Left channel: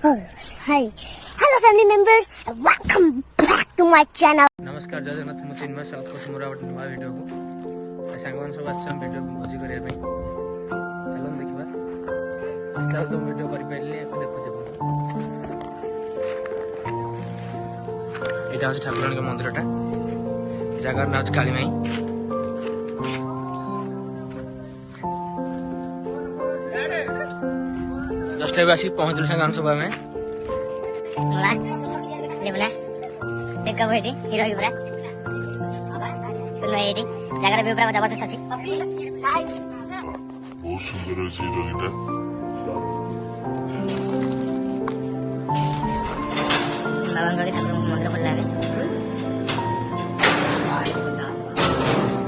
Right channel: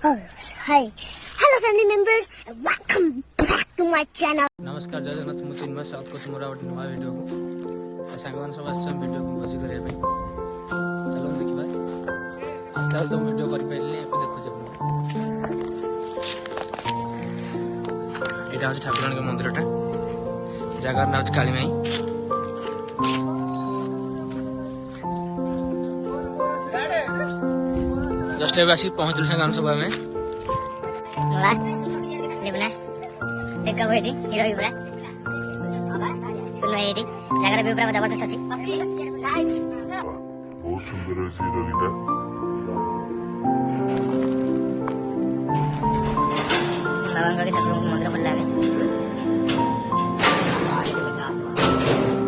Hi. Hello family members. Welcome back to my channel. नमस्कार जय जगन्नाथ मु तीन स्वागत कर मोर गोटे नुआ वीडियो को सांग मैंने सब आस वीडियो को भोजी करने चलो देखा आसला तो वीडियो कर देखुचे यहाँ हूँ ठाकुराणी के मंदिरटा जगार ना हूँ काली माई जस्ट अब आसिक पहुँचल सांग सब आम जगह भी पूरा जबरदस्त अच्छी बहुत सुंदर है जगह बाबांगड़ी ठाकुर मंदिर पड़ला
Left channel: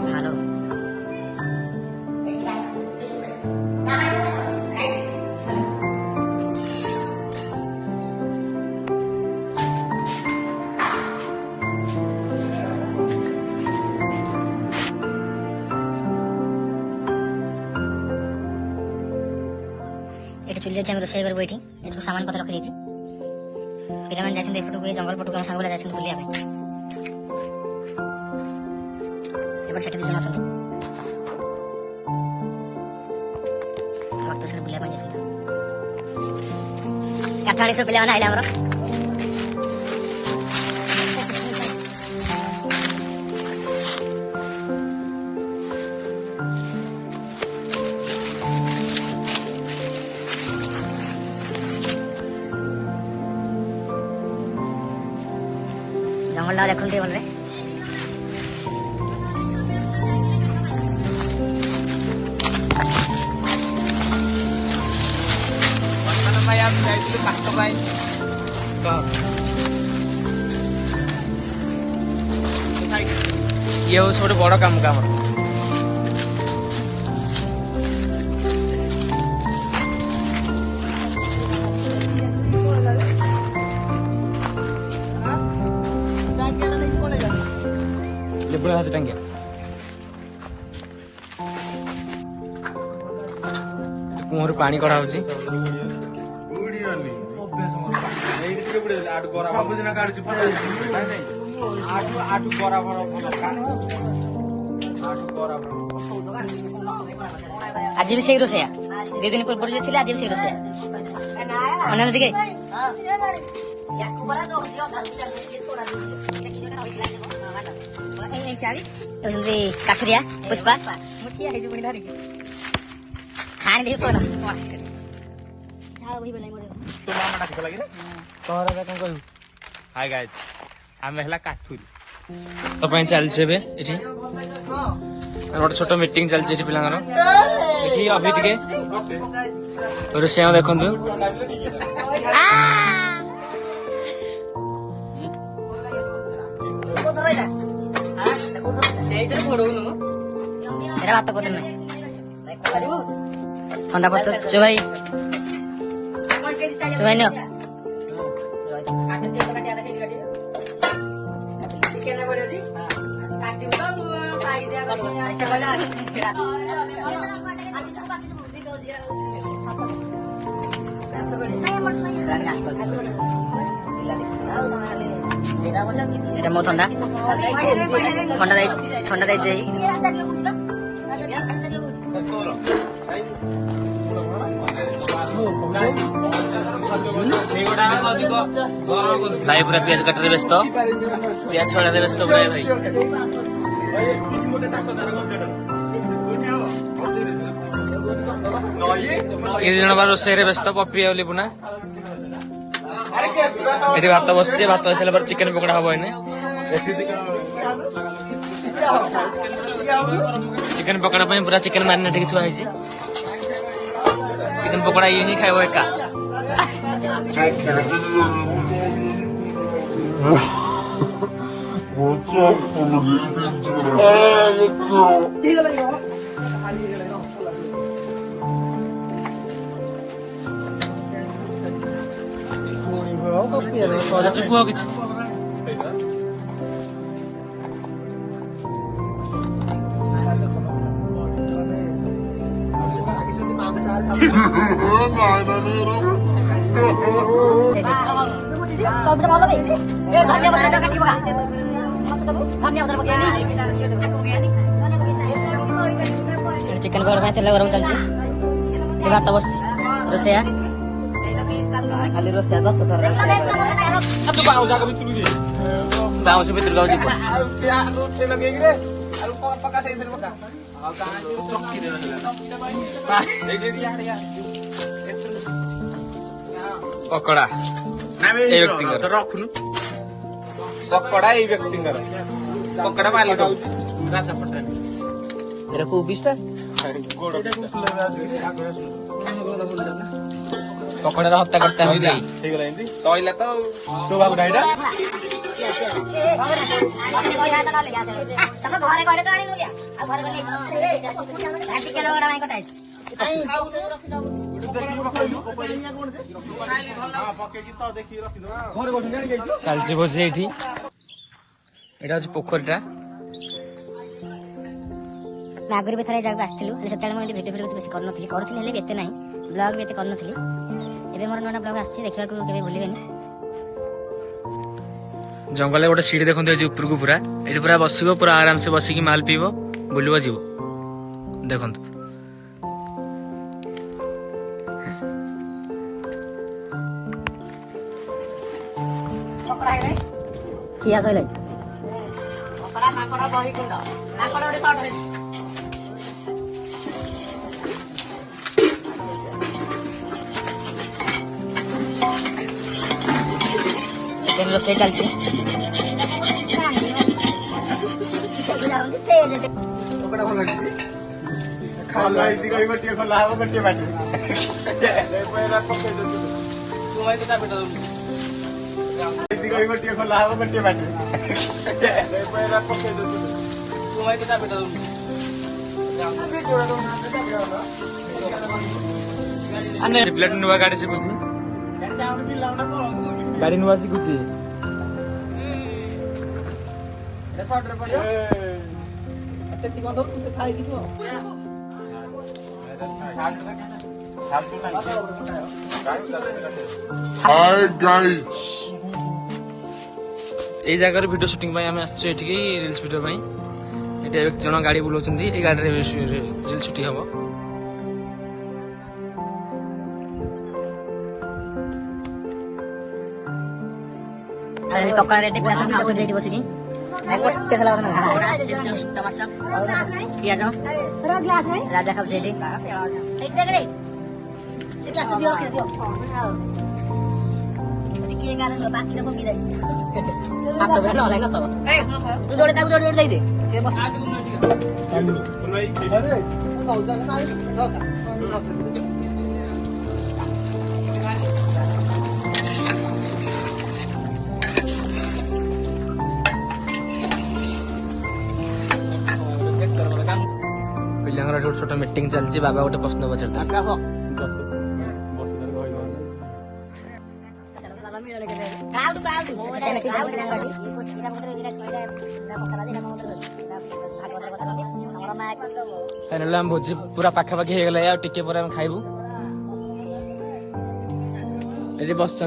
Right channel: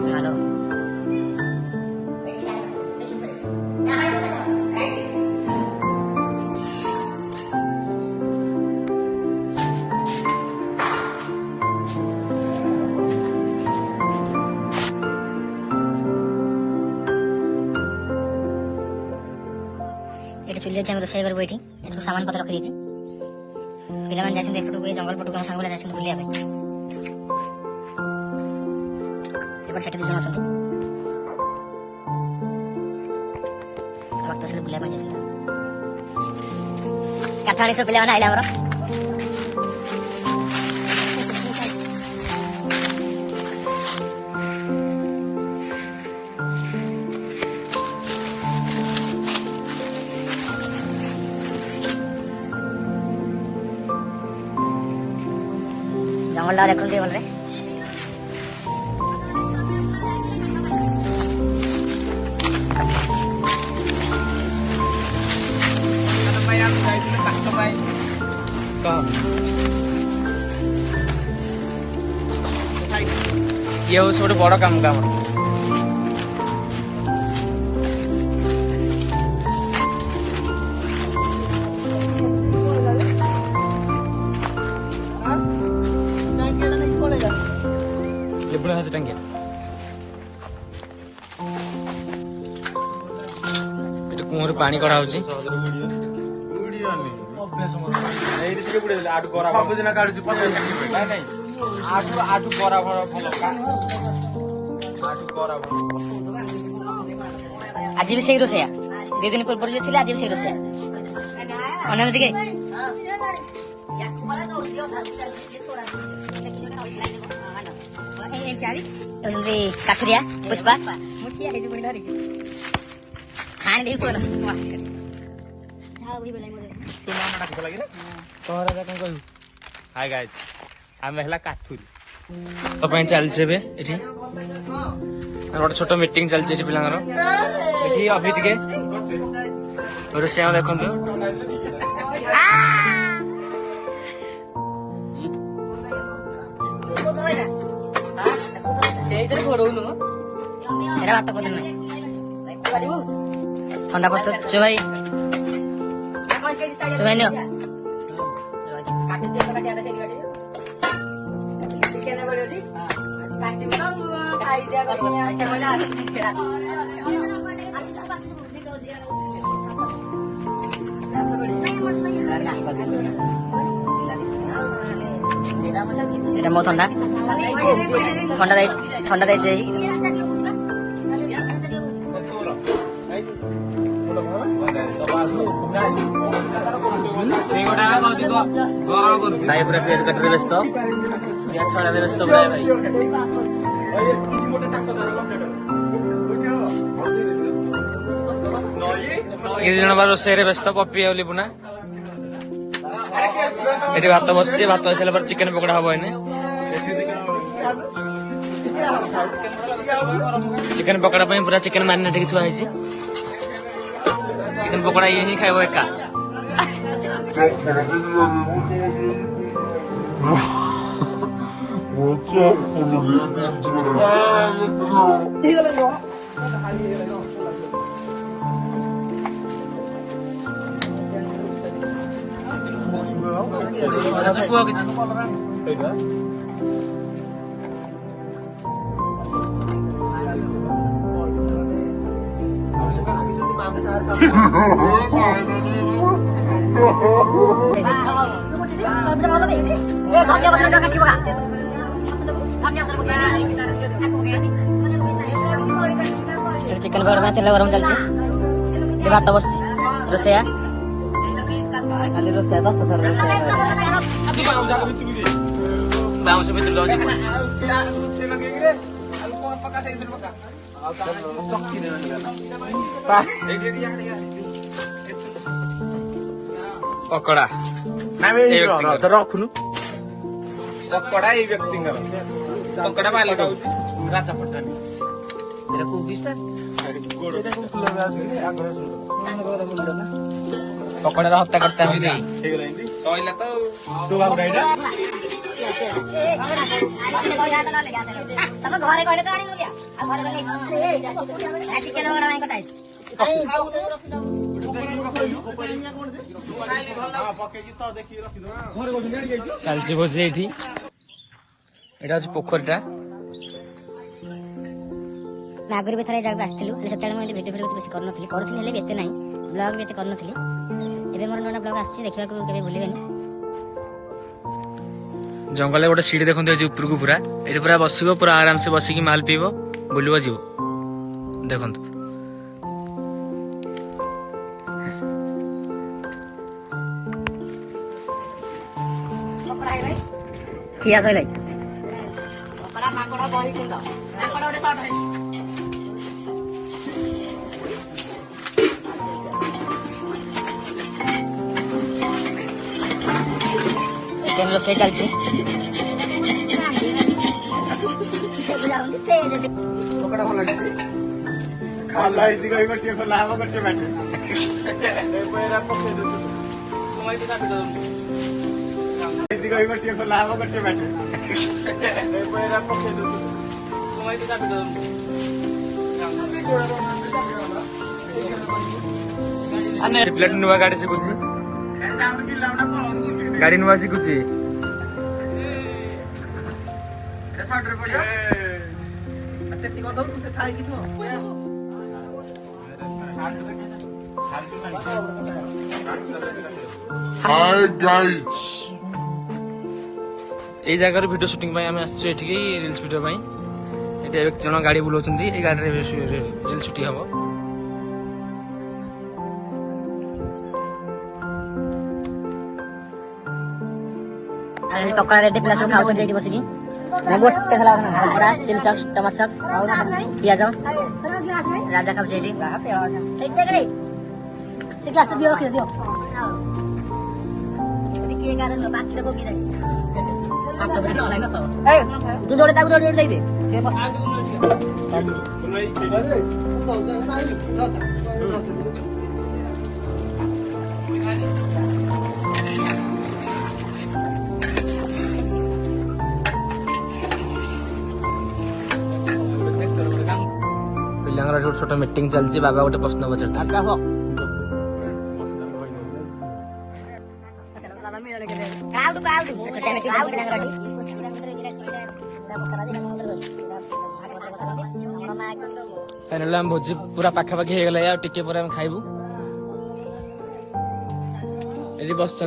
हेलो ये चुली अच्छे रोषे कर सब सामान पत्र रखी पिला मैंने जाते एपटू जंगल पटू आम सांग जाते बुलिया सेठी दिशा अच्छा भक्त बुलिया काठमाड़ी पिला मैंने आइला आमर जंगल देखते भले ये हूँ सब बड़ काम का लिबड़ा हाथ टांगिया कुआं पानी कड़ा हो आज भी से रोषया दे दिन पूर्व आज भी से रोषया अन्य काठुरिया पुष्पा खान हाय गाइस आम है काठुरी तो चलचे गोटे छोट मीटिंग चलती पिला अभी टे रोषेया देखु मेरा बात पत्र नहीं ठंडा प्रस्तुत भाई नियो मो ठंडा ठंडा ठंडा दे भाई पूरा प्याज कटरे व्यस्त प्याज छड़ा व्यस्त पूरा भाई ये जन बार रोषे व्यस्त पप्रिया बुना ये भात बस भात बस सारा चिकेन पकड़ा हम एने चिकेन पकड़ा पूरा चिकेन मैरिनेट की थुआ चिकेन पकड़ा ये ही खाइब एका कुआ किसी Ha ha ha ha! Chicken पकड़ में तेल गरम चलती भात बस रोसैया खाली रोसैया 10 थर बाउंस भितर गाँव जीव पकड़ा रखुनु पकड़ा एई व्यक्तिंकर पकड़ा मालिक राजा पटानी पकड़ा हत्या करता है चलती भोजी ये पोखरीटा आगुरी भी थे जगह आसलु से भिडियो भिडियो बेस करूँ करूँ एत ना ब्लग भी एत करूँ एवं मोर नुआ ब्लग आस देखा भूल जंगल गोटे सीढ़ी देखते ऊपर को पूरा ये पूरा बस पूरा आराम से बसिक माल पीब बुलव जीव देखु किया सही चिकन रोषे चलती प्लेट नुआ गाड़ी शिखुची गाड़ी नुआ शिखुची हाय गाइस ये जगह वीडियो शूटिंग आम आसठी रिल्स वीडियो ये एक जन गाड़ी बुलाऊँ ये गाड़ी रिल शूटिंग हम पकड़ा रेडी पिला सब खाऊ बसिकी गोटे बड़ा चिली सॉस टमाटो सॉस पियाज राजा खाऊ पिला छोट मीटिंग चलती बाबा गोटे प्रश्न पचार फाइनाल आम भोजी पूरा पाखापाखि हो गला टिके पर खाइबू ये बस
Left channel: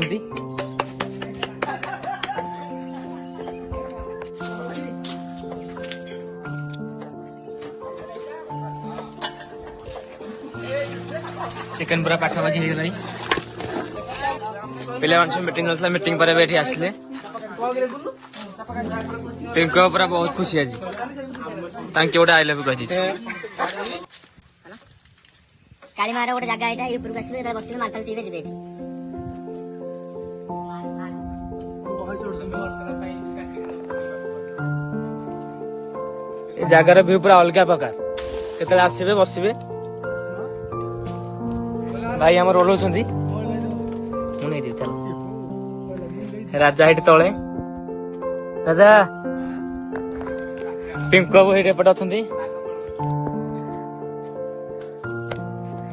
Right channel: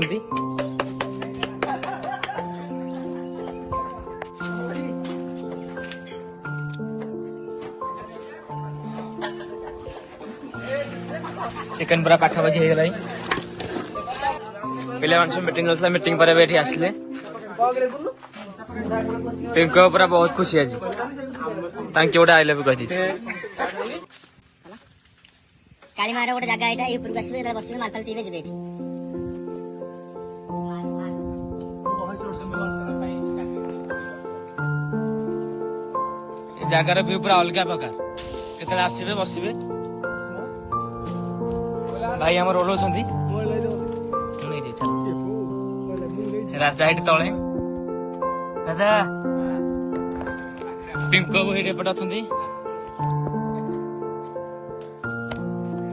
चिकन पूरा पाखापाखि हो गला पे मीटिंग चलता मीटिंग पर ये आसले पिंक पूरा बहुत खुशी आज गोटे आई लव कही कालीमार गोटे जगह यहाँ ये ऊपर आसवे बस मालपाल पीबे जी जगार व्यू पूरा अलग प्रकार केतले आसबे बसबे भाई आम रोल राजा ये तले राजा पिंक बाबू ये पटे अच्छा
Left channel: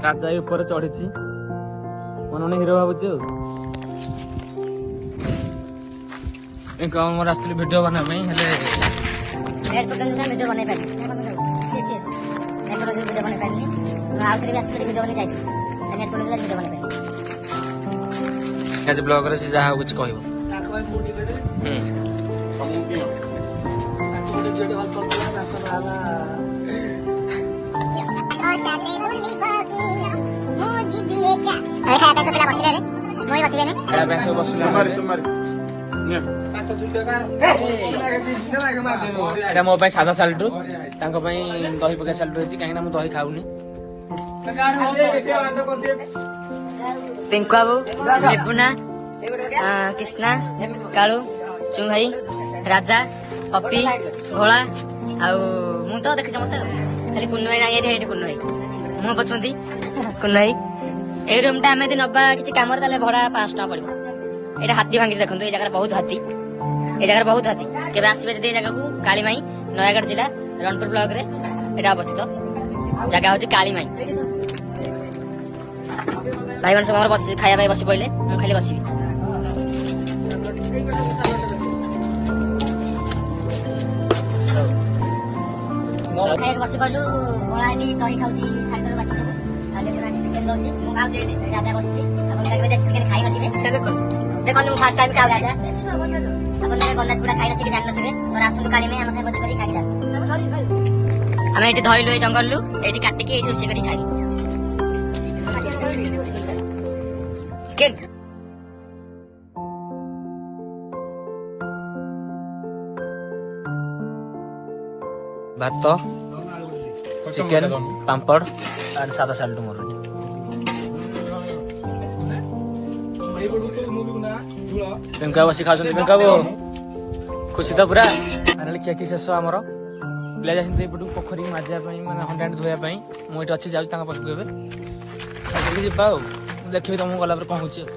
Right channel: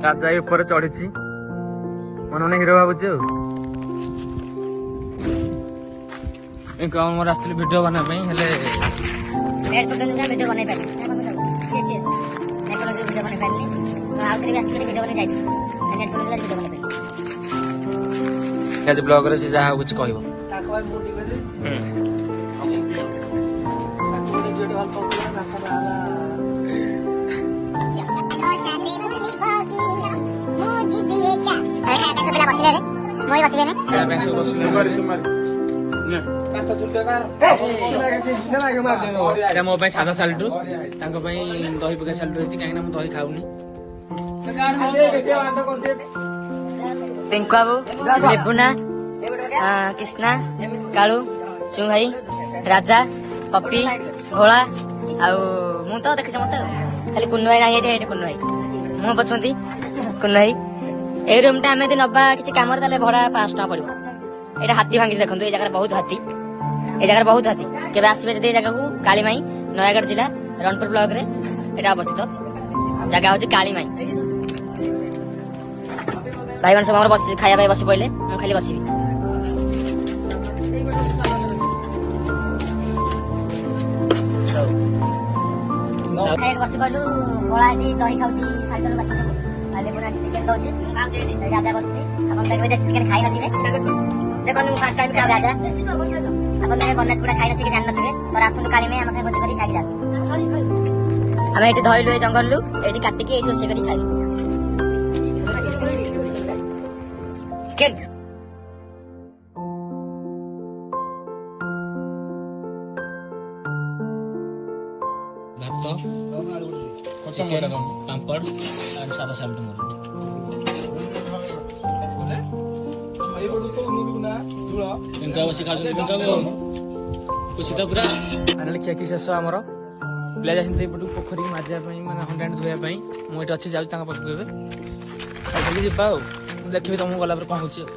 राजा ये ऊपर चढ़ी मन मन हिरो भावुची पिंक बाबू मोर आसती भिड बना वीडियो बन पारि वीडियो बन पारि वीडियो बन जाइए ब्लॉग जहाँ कुछ कह ଏଇଟା ମୋ ପାଇଁ ସାଧା ସାଲଟୁ ତାଙ୍କ ପାଇଁ ଦହି ପକା ସାଲଟୁ ହେଇଛି କାହିଁକି ନା ମୁଁ ଦହି ଖାଉନି। ପିଙ୍କୁ ବାବୁ, ନିପୁନା, କୃଷ୍ଣା, କାଳୁ, ଚୁଙ୍ଗାଇ, ରାଜା, ପପି, ଘୋଳା ଆଉ ମୁଁ ତ ଦେଖିଛ ମତେ ଆଉ ଖାଲି କୁନୁ ଭାଇ ନାହିଁ ଏଇଠି କୁନୁ ଭାଇ ମୁଁ ପଛୁନ୍ତି କୁନୁ ଭାଇ। ଏଇ ରୁମ୍ ଟା ଆମେ ଯଦି ନବା କିଛି କାମରେ ତାହେଲେ ଭଡା 500 ଟଙ୍କା ପଡିବ। ଏଇଟା ହାତୀ ଭାଙ୍ଗିଛି ଦେଖନ୍ତୁ, ଏଇ ଜାଗାରେ ବହୁତ ହାତୀ, এই জায়গার বহুত হাতি। কেবে আসবে যদি এই জায়গাକୁ কালিমাই, নୟାଗଡ଼ ଜିଲ୍ଲା ରଣପୁର ବ୍ଲକରେ এটা অবস্থিত। জায়গা হচ্ছে কালিমাই। ଭାଇମାନେ ସବୁ ଆମର ବସି ଖାଇବା ପାଇଁ ବସି ପଇଲେ, ମୁଁ ଖାଲି ବସିବି। ଖାଇବାକୁ ବସି ପଇଲୁ। ଭୋଳା ଏଠି ଦହି ଖାଉଛି, ସାଇଡରୁ ବାଛି ସବୁ ଆଉ ଲେବୁନା ଚିକେନ ଦଉଛି, ମୁଁ ଖାଉଛି ଏଠି। ରାଜା ବସିଛି, ଆପଣ କେବେ ଦେଶୀ ଚିକେନ ଖାଇ ନଥିବେ, ଦେଖନ୍ତୁ ମୁଁ ଫାର୍ଷ୍ଟ ଟାଇମ୍ ଖାଉଛି। ଆପଣ ମାନେ ବନାସ ଗୁଡା ଖାଇ ନଥିବେ, ଜାଣି ନଥିବେ, ତ ଆସନ୍ତୁ କାଳିମାଇ ଆମ ସାଙ୍ଗେ ଭୋଜି କରି ଖାଇକି ଯାଆନ୍ତୁ। ଆମେ ଏଠି ଧଇଲୁ ଏଇ ଜଙ୍ଗଲରୁ, ଏଇଠି କାଟିକି ଏଇଠି ରୋଷେଇ କରି ଖାଇଲୁ ଚିକେନ। ଭାତ, ଚିକେନ, ପାମ୍ପଡ଼ ଆଉ ସାଧା ସାଲଟୁ ମୋର। ପିଙ୍କା ବସି ଖାଉଛନ୍ତି। ପିଙ୍କା ବାବୁ ଖୁସି ତ ପୁରା। ଫାଇନାଲି ଖିଆଖି ଶେଷ ଆମର। ପିଲା ଯାଇଛନ୍ତି ଏପଟକୁ ପୋଖରୀକି ମାଜିବା ପାଇଁ, ମାନେ ହଣ୍ଡାଣ୍ଡ ଧୋଇବା ପାଇଁ। ମୁଁ ଏଠି ଅଛି, ଯାଉଛି ତାଙ୍କ ପାଖକୁ ଏବେ ଖାଇକି ଯିବା ଆଉ। ମୁଁ ଦେଖିବି ତମକୁ ଗଲା ପରେ କଣ ହଉଛି ଆଉ।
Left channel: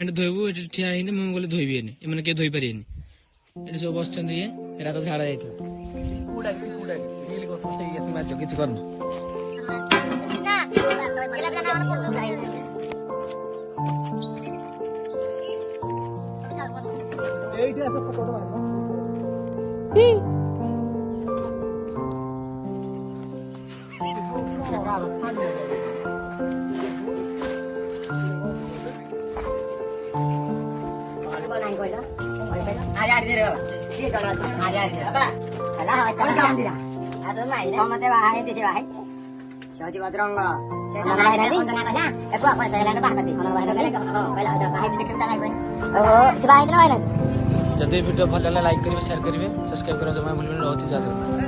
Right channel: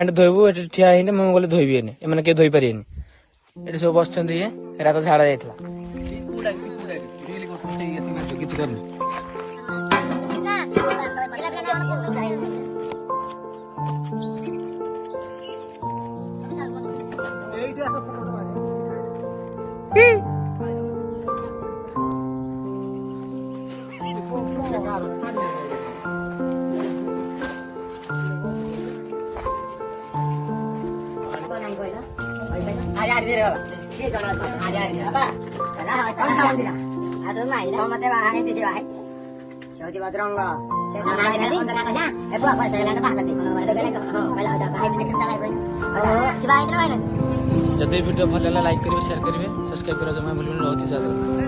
ଏଠି ଧୋଇବୁ, ଏଠି ଠିଆ ହେଇନି, ମୁଁ ଗଲେ ଧୋଇବିନି, ଏମାନେ କେହି ଧୋଇ ପାରିବେନି। ଏଠି ସବୁ ବସିଛନ୍ତି, ଇଏ ରାତ ଝାଡା ଯାଇଥିଲା କିଛି କରିନି। ସମସ୍ତେ ବାହା ହେଇଛି, ସେ ହଉଛି ବଜରଙ୍ଗ। ଯଦି ଭିଡ଼ିଓ ଭଲ ହେଲା ଲାଇକ୍ କରିବେ, ସେୟାର କରିବେ, ସବସ୍କ୍ରାଇବ କରିବା ଜମା ଭୁଲିବେନି। ରହୁଛି ଜୟ ଜଗନ୍ନାଥ।